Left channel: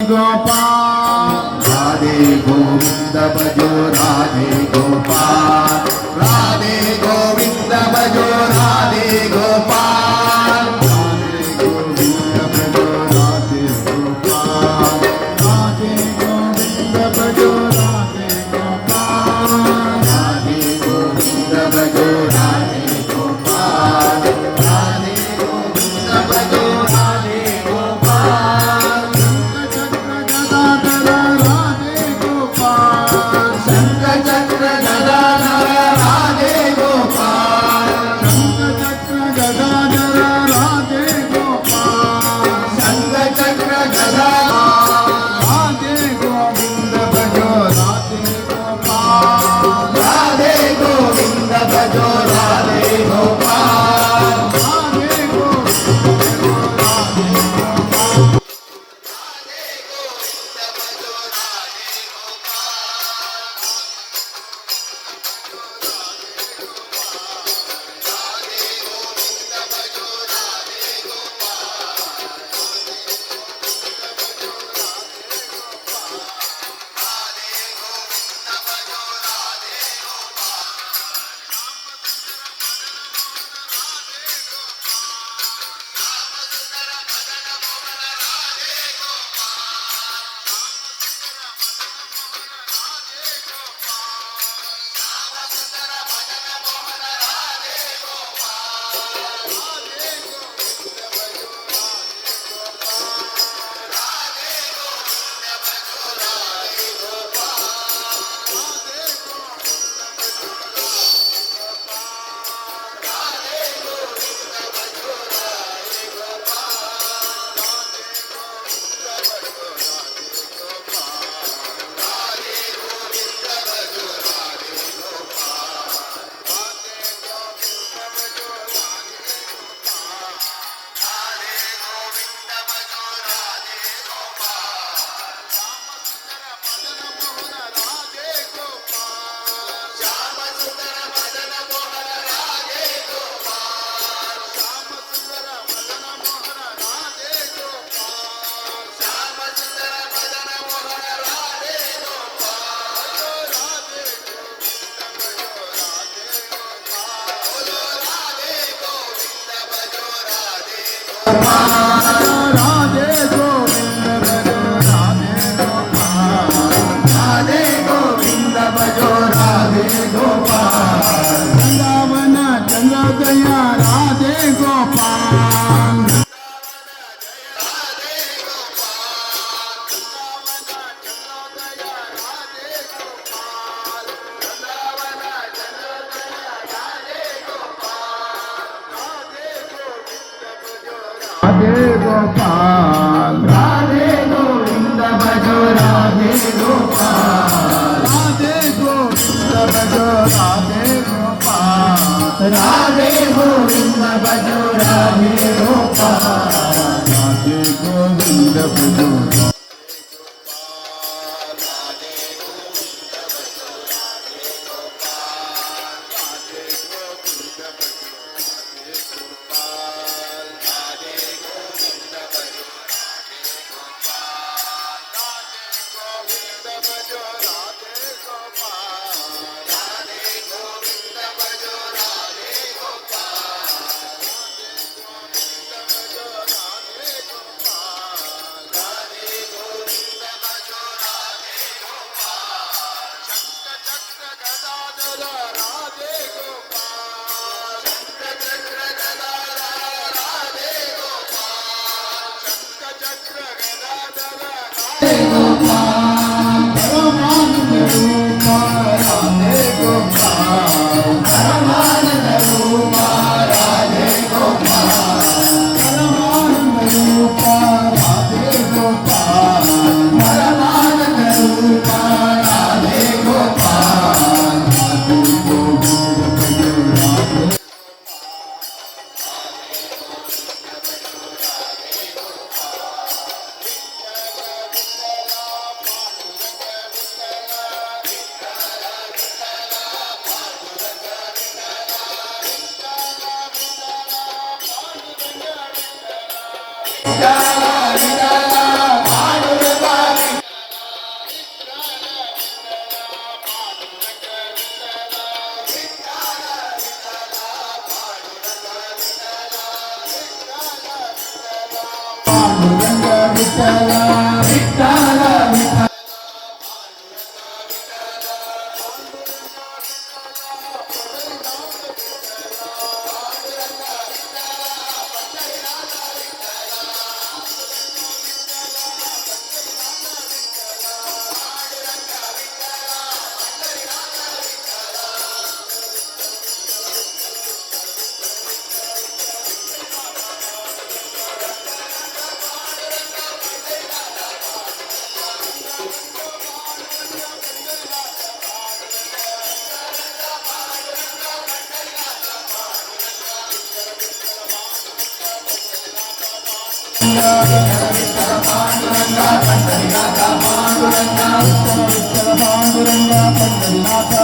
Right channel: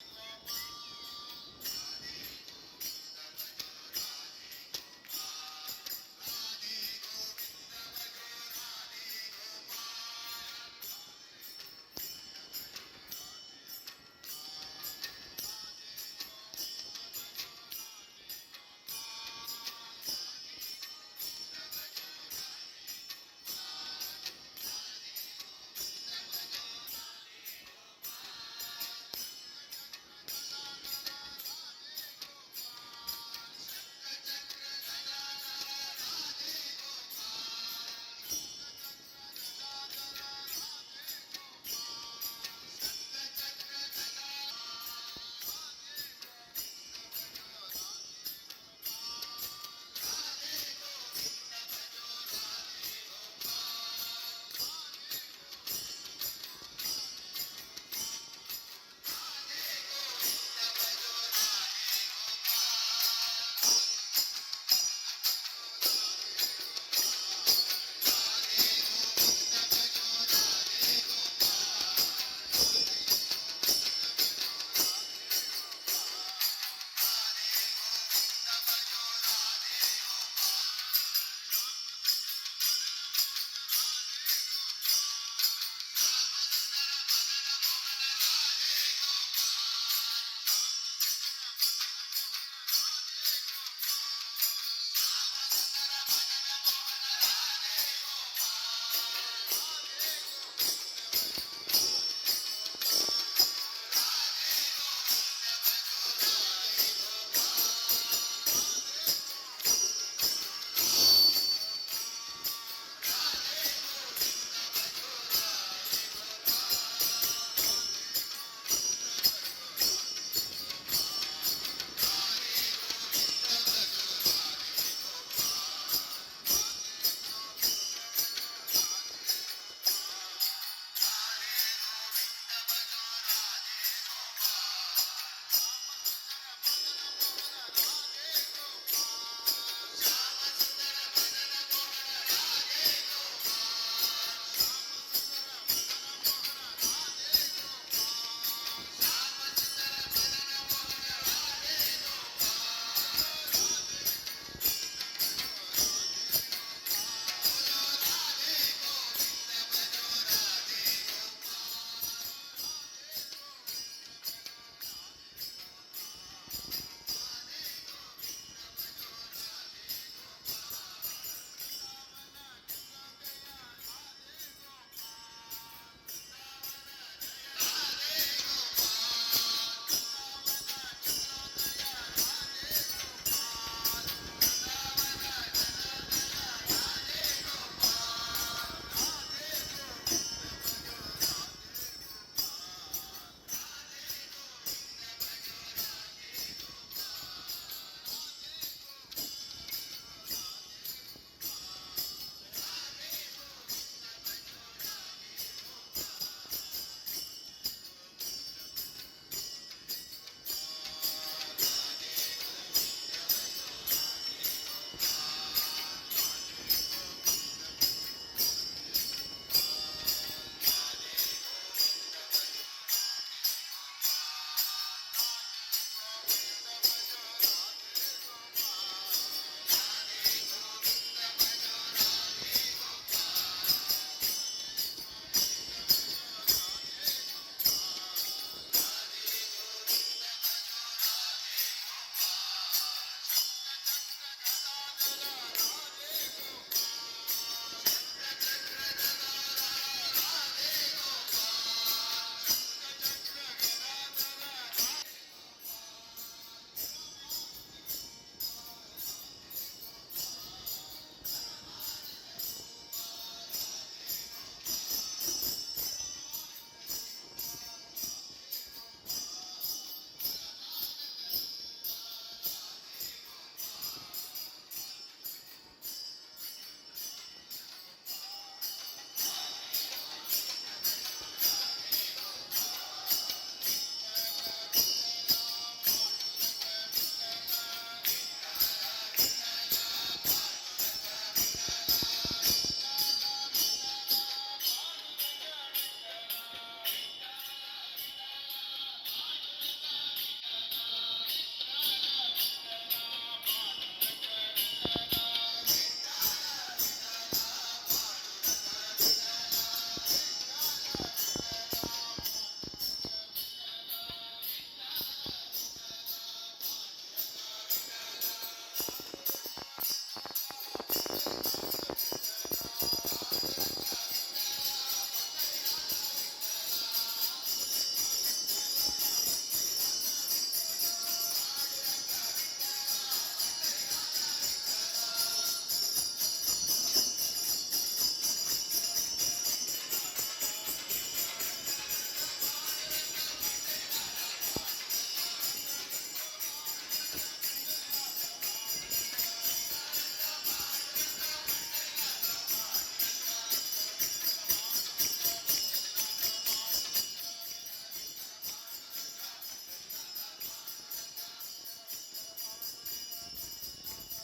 गोपाल राधे गोविंद भजो राधे गोपाल राधे गोविंद भजो राधे गोपाल राधे गोविंद भजो राधे गोपाल राधे गोविंद भजो राधे गोपाल राधे गोविंद भजो राधे गोपाल राधे गोविंद भजो राधे गोपाल शंखचक्र गदाधर राधे गोपाल शंखचक्र गदाधर राधे गोपाल शंखचक्र गदाधर राधे गोविंद भजो राधे गोपाल राधे गोविंद भजो राधे गोपाल राधे गोविंद राधे गोपाल राधे गोविंद भजो राधे गोपाल राधे गोविंद भजो राधे गोपाल वृंदावन चंद्रोदया राधे गोपाल राधे गोपाल राधे गोविंद भजो राधे गोपाल राधे गोविंद भजो राधे गोपाल राधे गोविंद भजो राधे गोपाल राधे गोविंद भजो पंढरीनाथ